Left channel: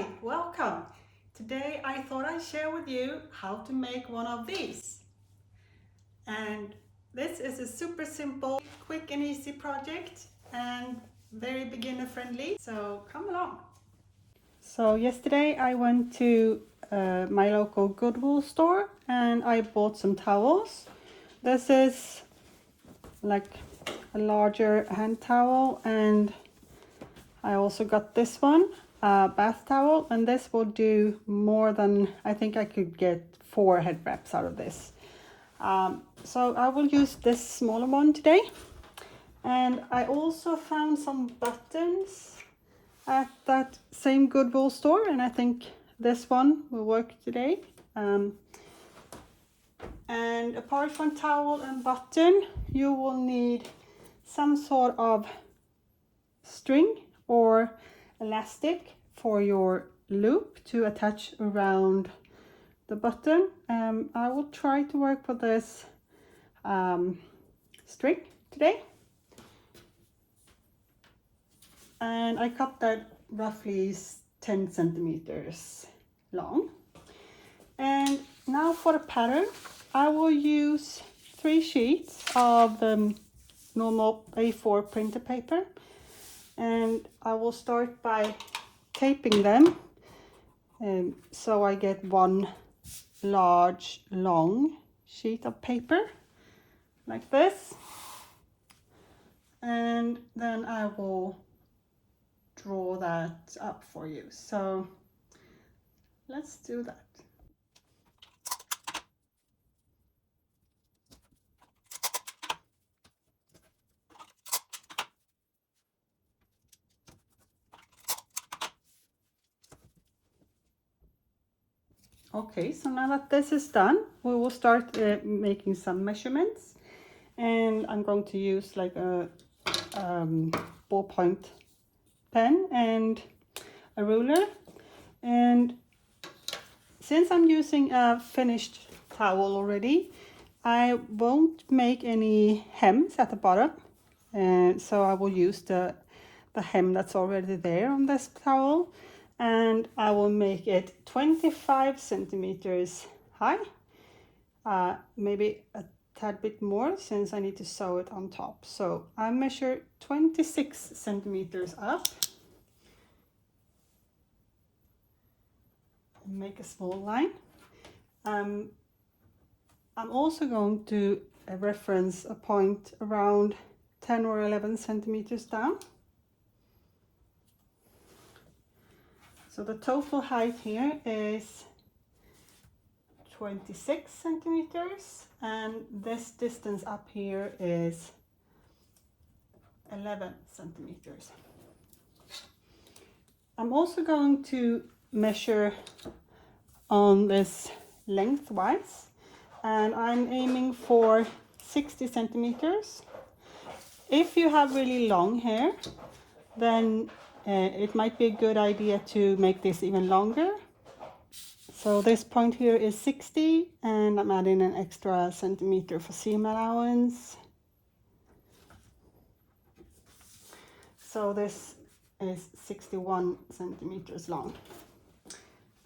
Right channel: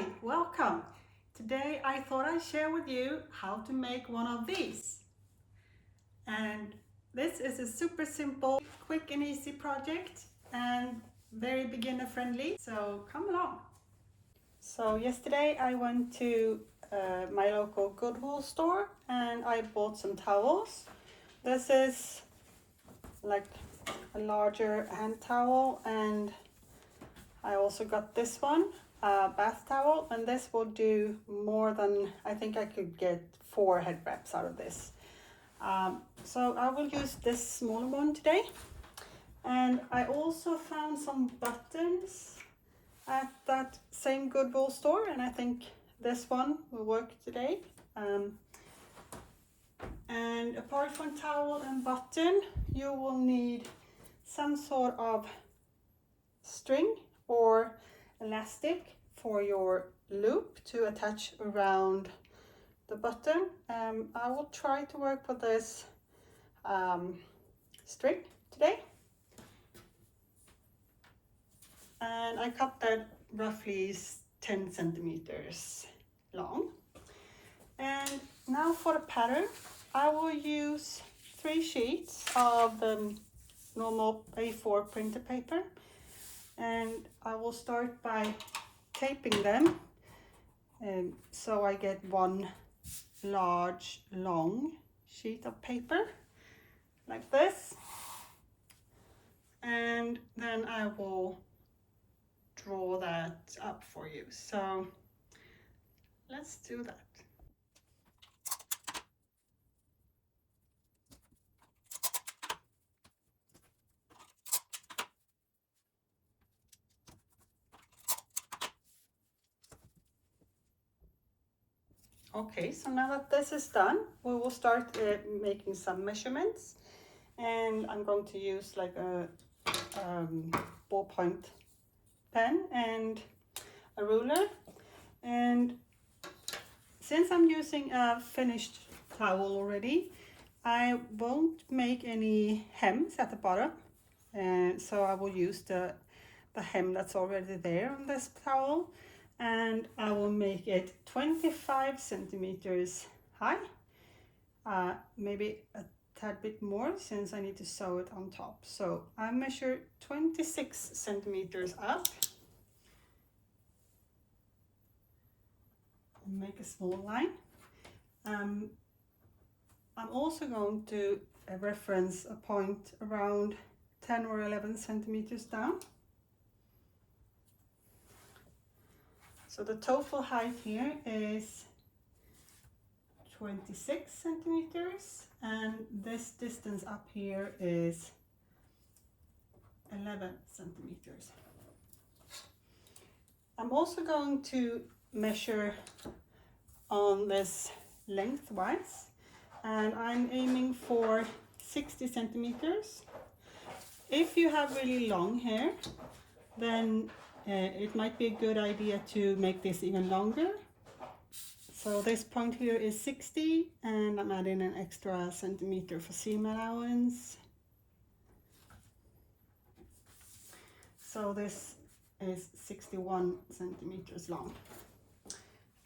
Hi, welcome. Today I thought I'd share with you how to make one of these. And this is a super simple, quick and easy project and very beginner friendly, so come along. So yesterday I went to my local Goodwill store and I bought some towels. This is like a larger hand towel, and I also got this one, bath towel, and this will do more than, I think I could get 4 head wraps out of this. So I will use this smaller one today. And I also found some buttons at that same Goodwill store, and I think this one will work today. And apart from towel and button, you will need some sort of string or elastic for your loop to attach around the button. I will try to work with this string today, and I cut that roughly 10 centimeters long. And now for the pattern, I will use 3 sheets of normal A4 printer paper, and I will start by taping them so I get one large long sheet of paper like this, and then I will draw that up for you. So let's do that. Okay, so now that this is done, we will start making some measurements, and I'm going to use like a ballpoint pen and a ruler. And since I'm using a finished towel already, I won't make any hems at the bottom, so I will use the hem that's already there on this towel, and I will make it 25 centimeters high, maybe a tad bit more since I need to sew it on top. So I measure 26 centimeters up and make a small line. I'm also going to reference a point around 10 or 11 centimeters down. So the total height here is 26 centimeters, and this distance up here is 11 centimeters. I'm also going to measure on this lengthwise, and I'm aiming for 60 centimeters. If you have really long hair, then it might be a good idea to make this even longer. So this point here is 60, and I'm adding an extra centimeter for seam allowance. So this is 61 centimeters long.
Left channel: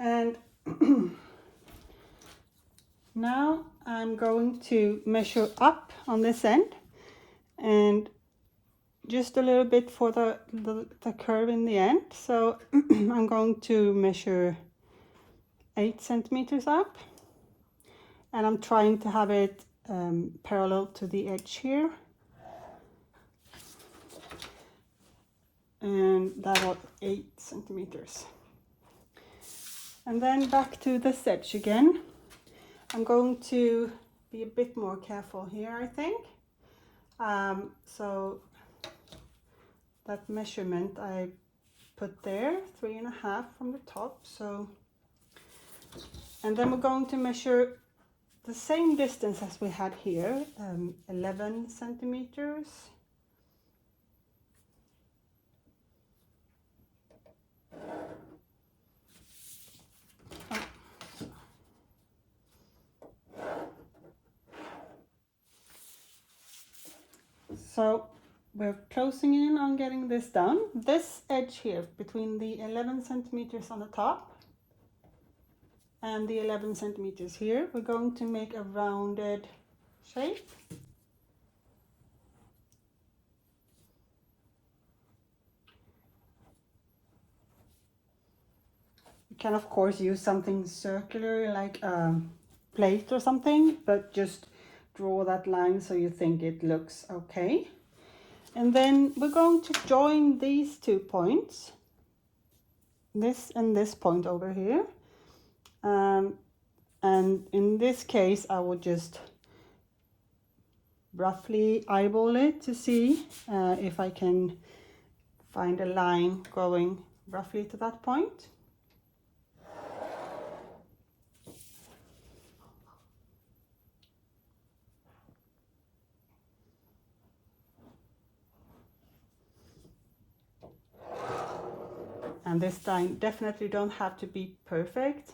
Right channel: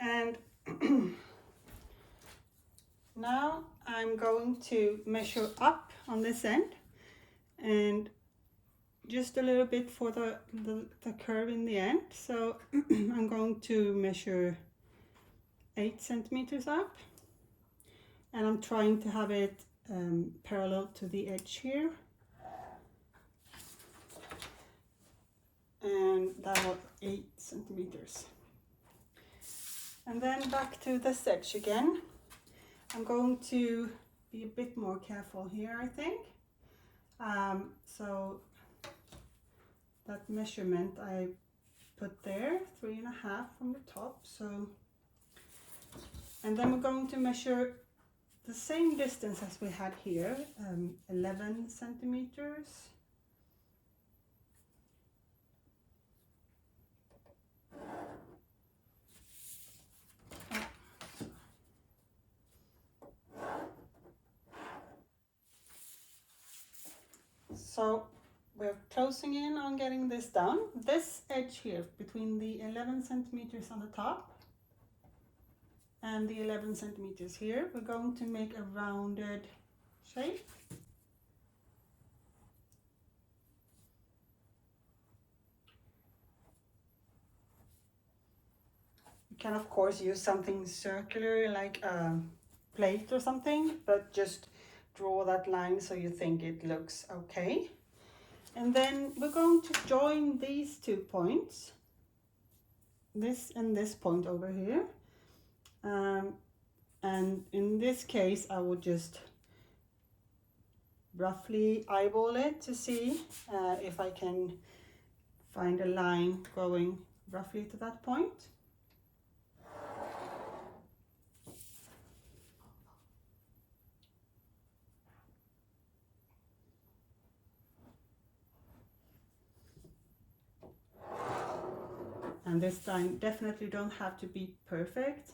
And now I'm going to measure up on this end, and just a little bit for the curve in the end. So I'm going to measure 8 centimeters up, and I'm trying to have it parallel to the edge here, and that was 8 centimeters. And then back to this edge again. I'm going to be a bit more careful here, I think. So that measurement I put there, 3.5 from the top. So, and then we're going to measure the same distance as we had here, 11 centimeters. So we're closing in on getting this done. This edge here between the 11 centimeters on the top and the 11 centimeters here, we're going to make a rounded shape. You can of course use something circular like a plate or something, but just draw that line so you think it looks okay. And then we're going to join these 2 points, this and this point over here. And in this case, I would just roughly eyeball it to see if I can find a line going roughly to that point. And this time definitely don't have to be perfect.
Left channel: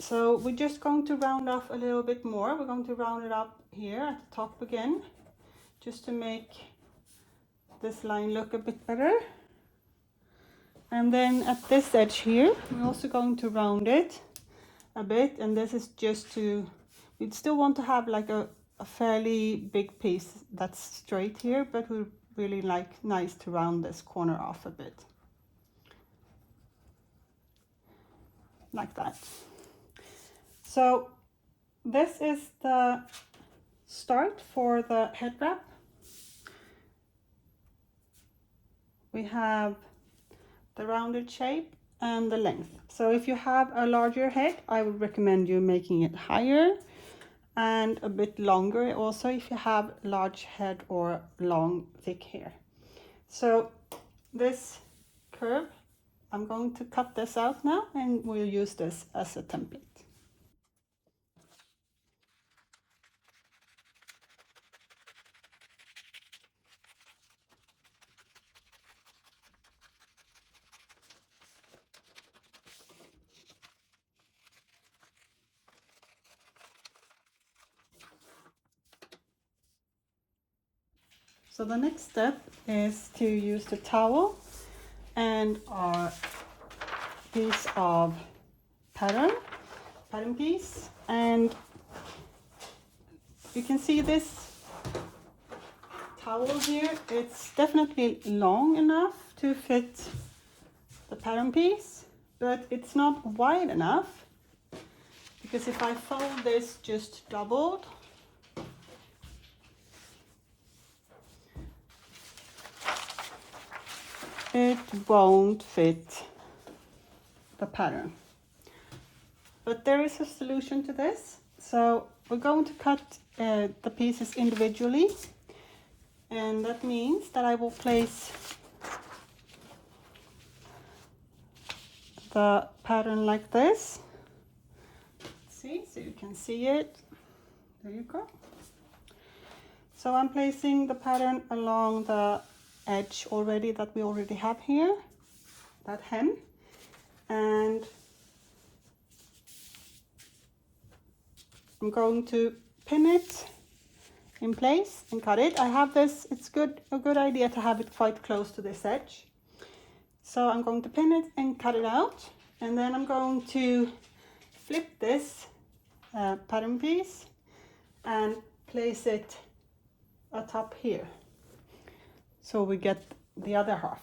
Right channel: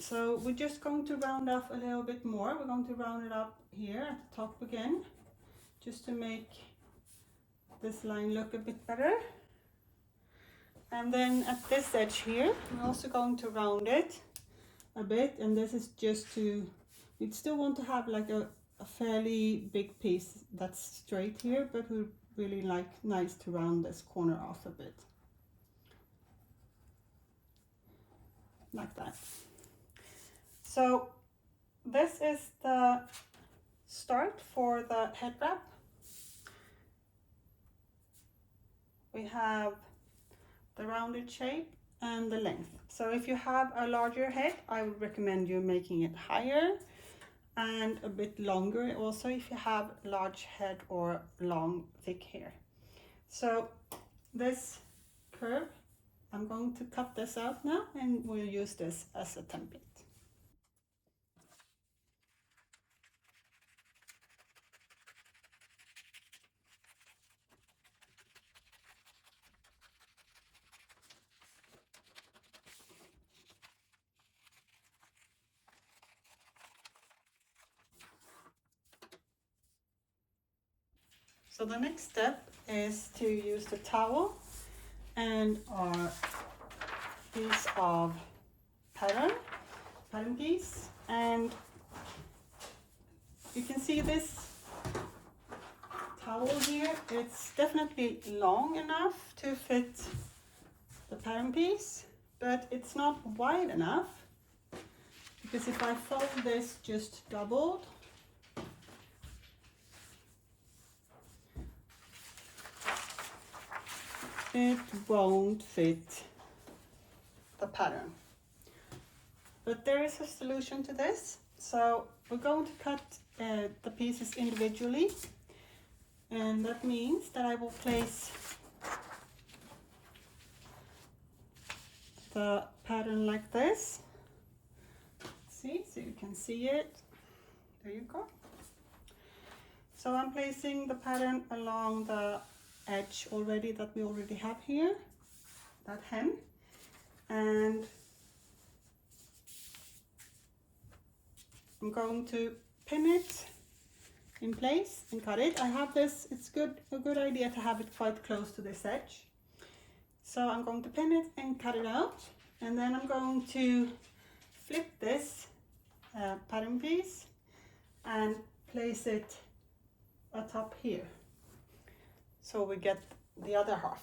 So we're just going to round off a little bit more. We're going to round it up here at the top again, just to make this line look a bit better. And then at this edge here, we're also going to round it a bit, and this is just to, we'd still want to have like a fairly big piece that's straight here, but we really nice to round this corner off a bit. Like that. So this is the start for the head wrap. We have the rounded shape and the length. So if you have a larger head, I would recommend you making it higher and a bit longer also if you have large head or long thick hair. So this curve, I'm going to cut this out now and we'll use this as a template. So the next step is to use the towel and our piece of pattern piece, and you can see this towel here, it's definitely long enough to fit the pattern piece, but it's not wide enough, because if I fold this just doubled, it won't fit the pattern. But there is a solution to this. So we're going to cut the pieces individually, and that means that I will place the pattern like this. See, so you can see it. There you go. So I'm placing the pattern along the edge already that we already have here, that hem, and I'm going to pin it in place and cut it. I have this, it's a good idea to have it quite close to this edge. So I'm going to pin it and cut it out, and then I'm going to flip this pattern piece and place it atop here, so we get the other half.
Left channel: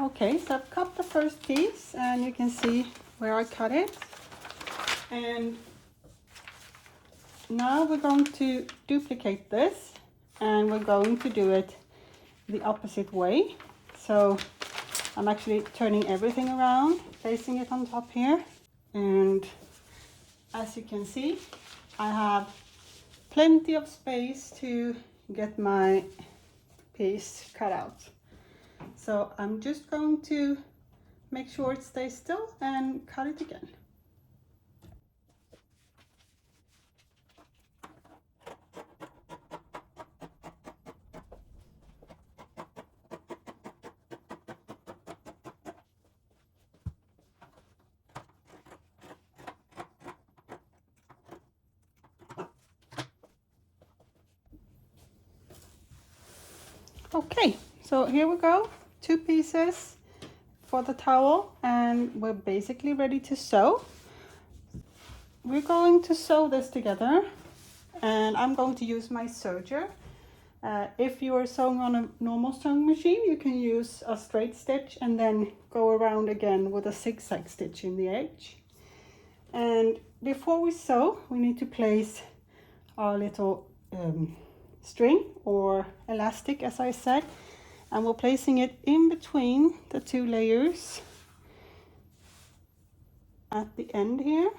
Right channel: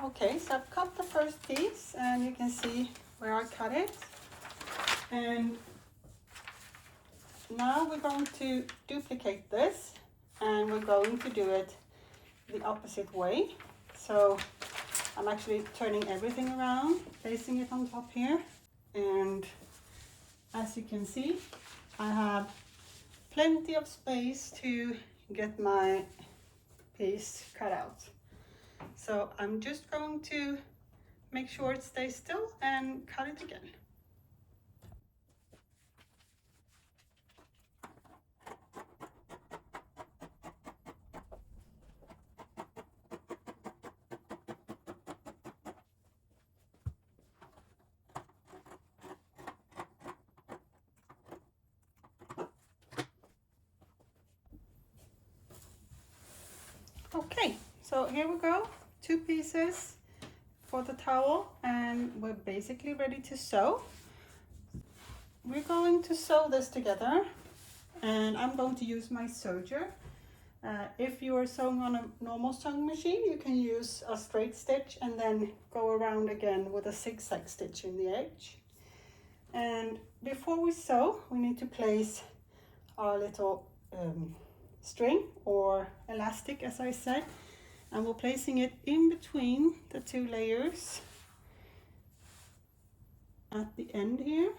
Okay, so I've cut the first piece and you can see where I cut it. And now we're going to duplicate this and we're going to do it the opposite way. So I'm actually turning everything around, placing it on top here, and as you can see, I have plenty of space to get my piece cut out. So I'm just going to make sure it stays still and cut it again. Okay, so here we go, 2 pieces for the towel, and we're basically ready to sew. We're going to sew this together, and I'm going to use my serger. If you're sewing on a normal sewing machine, you can use a straight stitch and then go around again with a zigzag stitch in the edge. And before we sew, we need to place our little string or elastic, as I said, and we're placing it in between the 2 layers at the end here,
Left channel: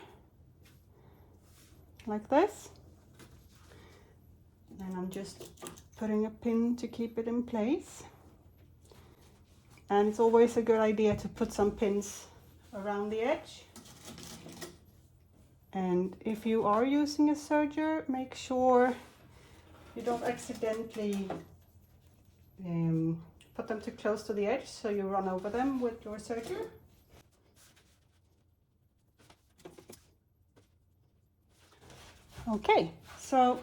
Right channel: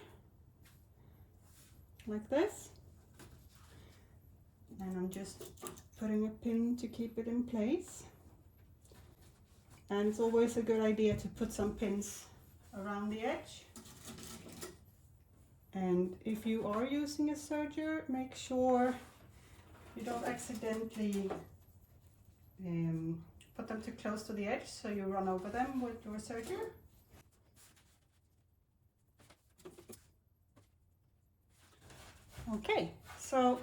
like this. And I'm just putting a pin to keep it in place. And it's always a good idea to put some pins around the edge. And if you are using a serger, make sure you don't accidentally put them too close to the edge so you run over them with your serger. Okay, so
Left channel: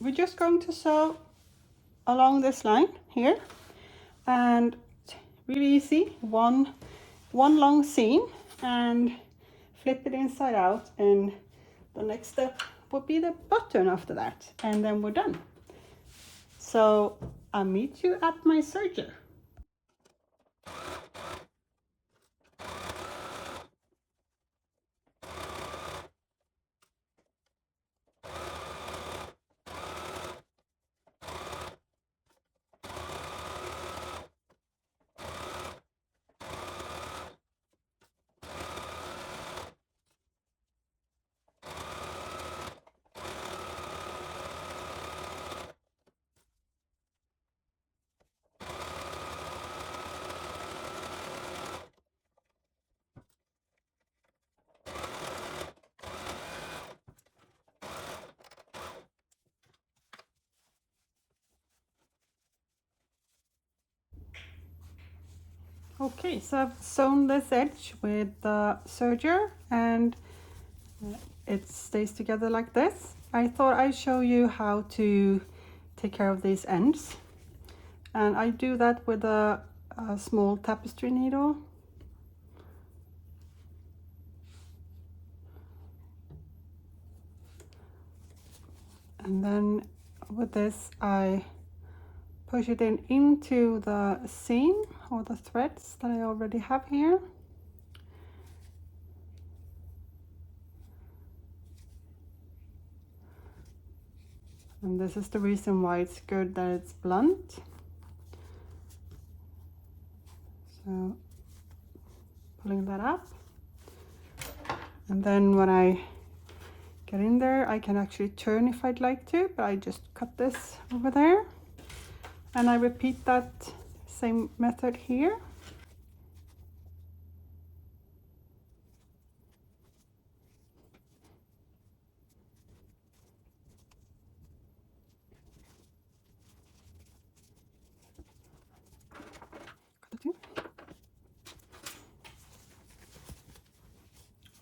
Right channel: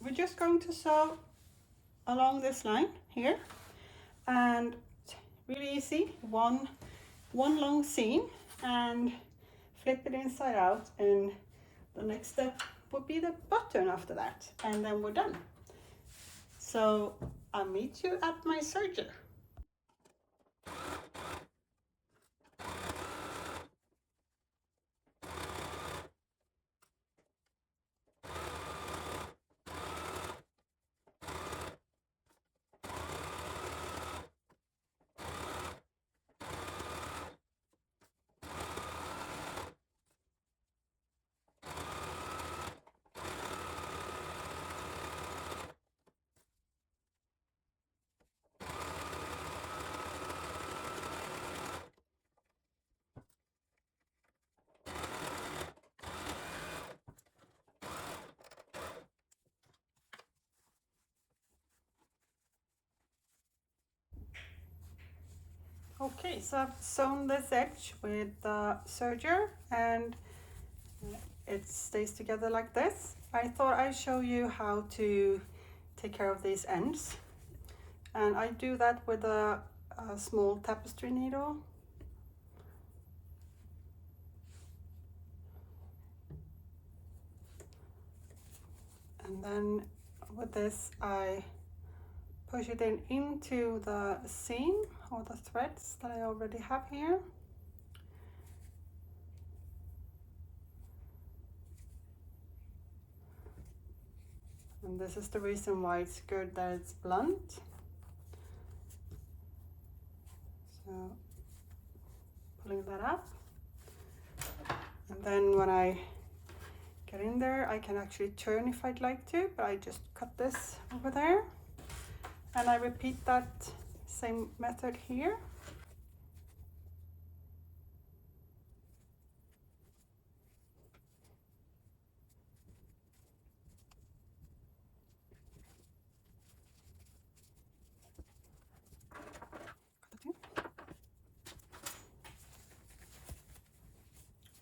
we're just going to sew along this line here, and really easy, one long seam and flip it inside out, and the next step would be the button after that, and then we're done. So I'll meet you at my serger. Okay, so I've sewn this edge with the serger and it stays together like this. I thought I'd show you how to take care of these ends, and I do that with a small tapestry needle. And then with this I push it into the seam or the threads that I already have here. And this is the reason why it's good that it's blunt. So pulling that up, and then when I get in there I can actually turn if I'd like to, but I just cut this over there, and I repeat that same method here.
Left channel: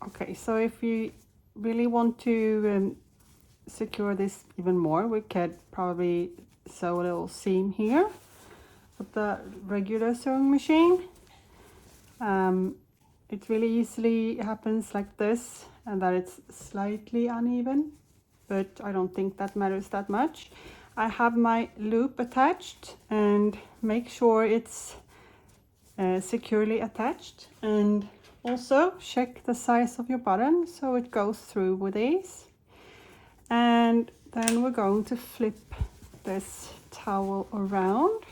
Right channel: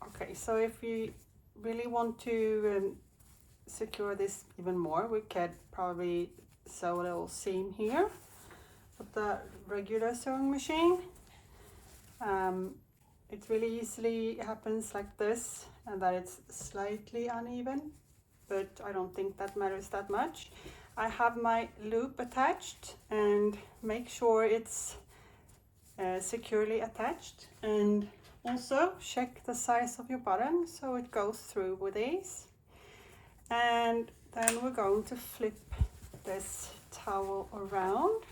Okay, so if you really want to secure this even more, we could probably sew a little seam here with the regular sewing machine. It really easily happens like this, and that it's slightly uneven, but I don't think that matters that much. I have my loop attached, and make sure it's securely attached, and also check the size of your button so it goes through with ease. And then we're going to flip this towel around,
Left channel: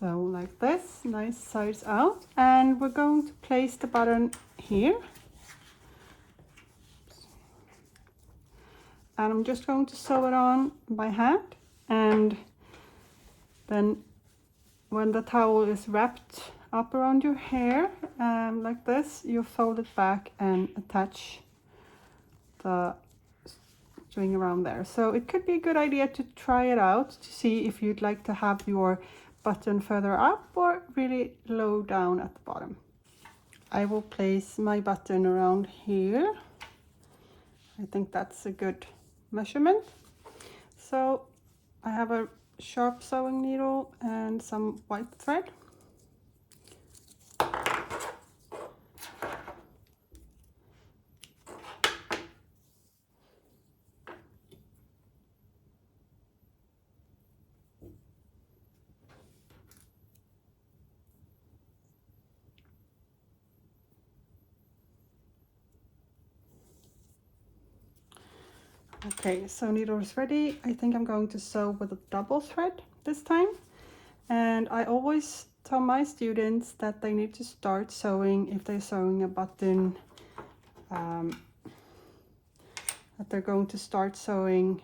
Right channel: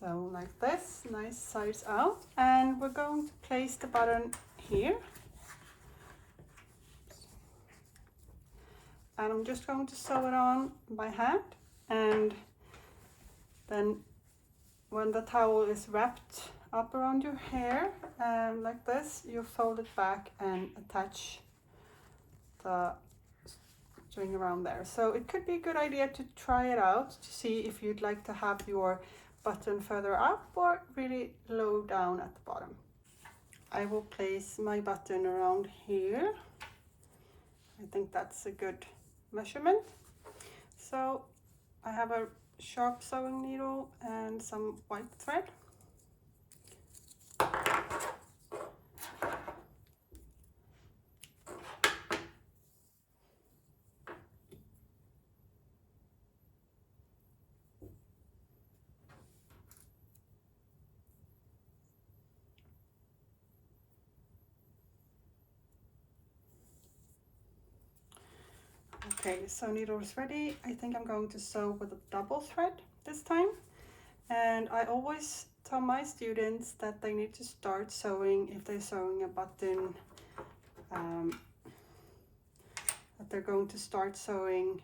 So like this, nice size out, and we're going to place the button here. And I'm just going to sew it on by hand, and then when the towel is wrapped up around your hair like this, you fold it back and attach the string around there. So it could be a good idea to try it out to see if you'd like to have your button further up or really low down at the bottom. I will place my button around here. I think that's a good measurement. So I have a sharp sewing needle and some white thread. Okay, so needle is ready. I think I'm going to sew with a double thread this time. And I always tell my students that they need to start sewing if they're sewing a button, that they're going to start sewing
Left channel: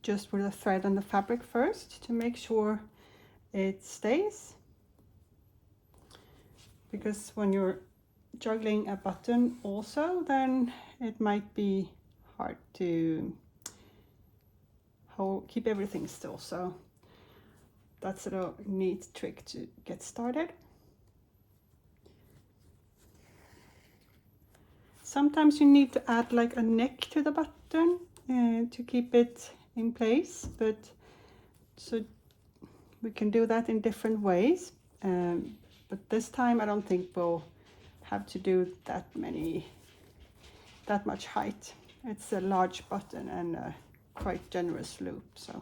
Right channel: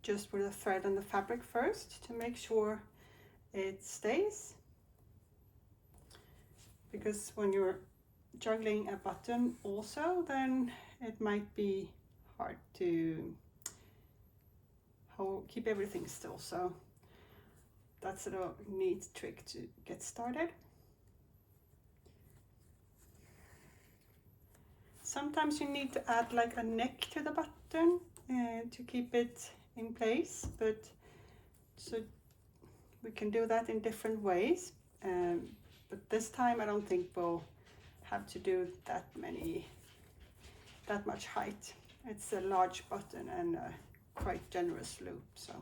just with the thread and the fabric first to make sure it stays. Because when you're juggling a button also, then it might be hard to keep everything still. So that's a little neat trick to get started. Sometimes you need to add like a neck to the button to keep it in place, but so we can do that in different ways. But this time I don't think we'll have to do that much height. It's a large button and a quite generous loop, so.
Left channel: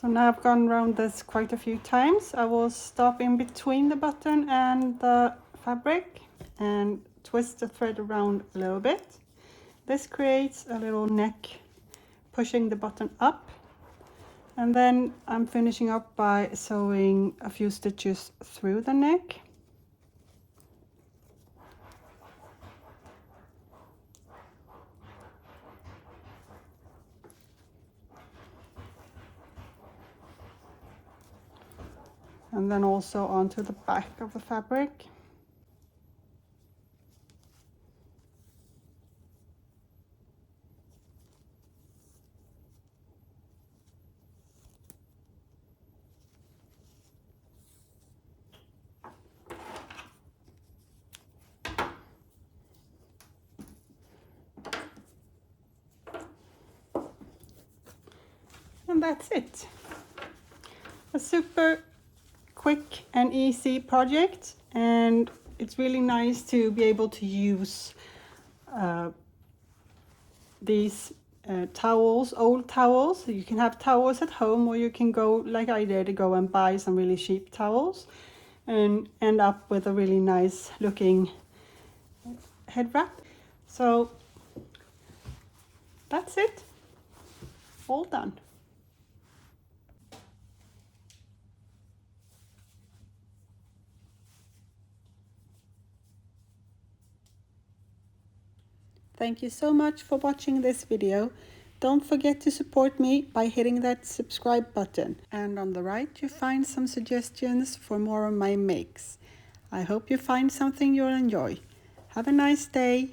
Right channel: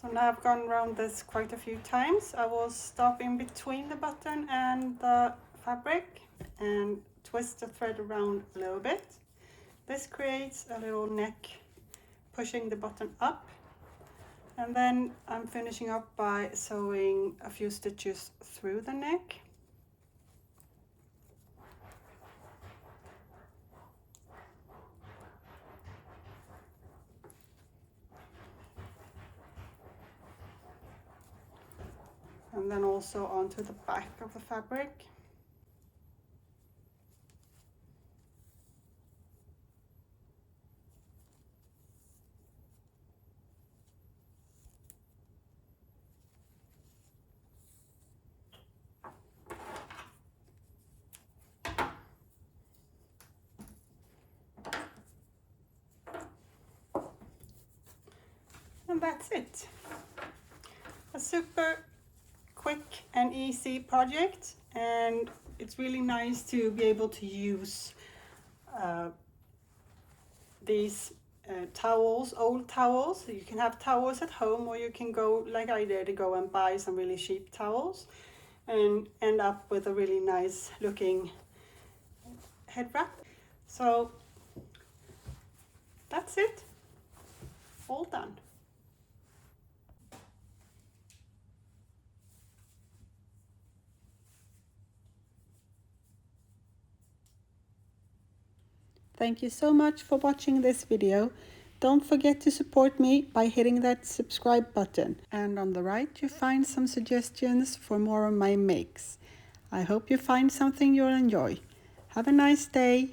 So now I've gone around this quite a few times. I will stop in between the button and the fabric and twist the thread around a little bit. This creates a little neck pushing the button up. And then I'm finishing up by sewing a few stitches through the neck. And then also onto the back of the fabric. And that's it. A super quick and easy project, and it's really nice to be able to use these towels, old towels. You can have towels at home, or you can go, like I did, go and buy some really cheap towels and end up with a really nice looking head wrap. So that's it, all done. Thank you so much for watching this video. Don't forget to support me by hitting that subscribe button. And on the right you find some suggestions for more of my makes. I hope you find something you'll enjoy. Have a nice day.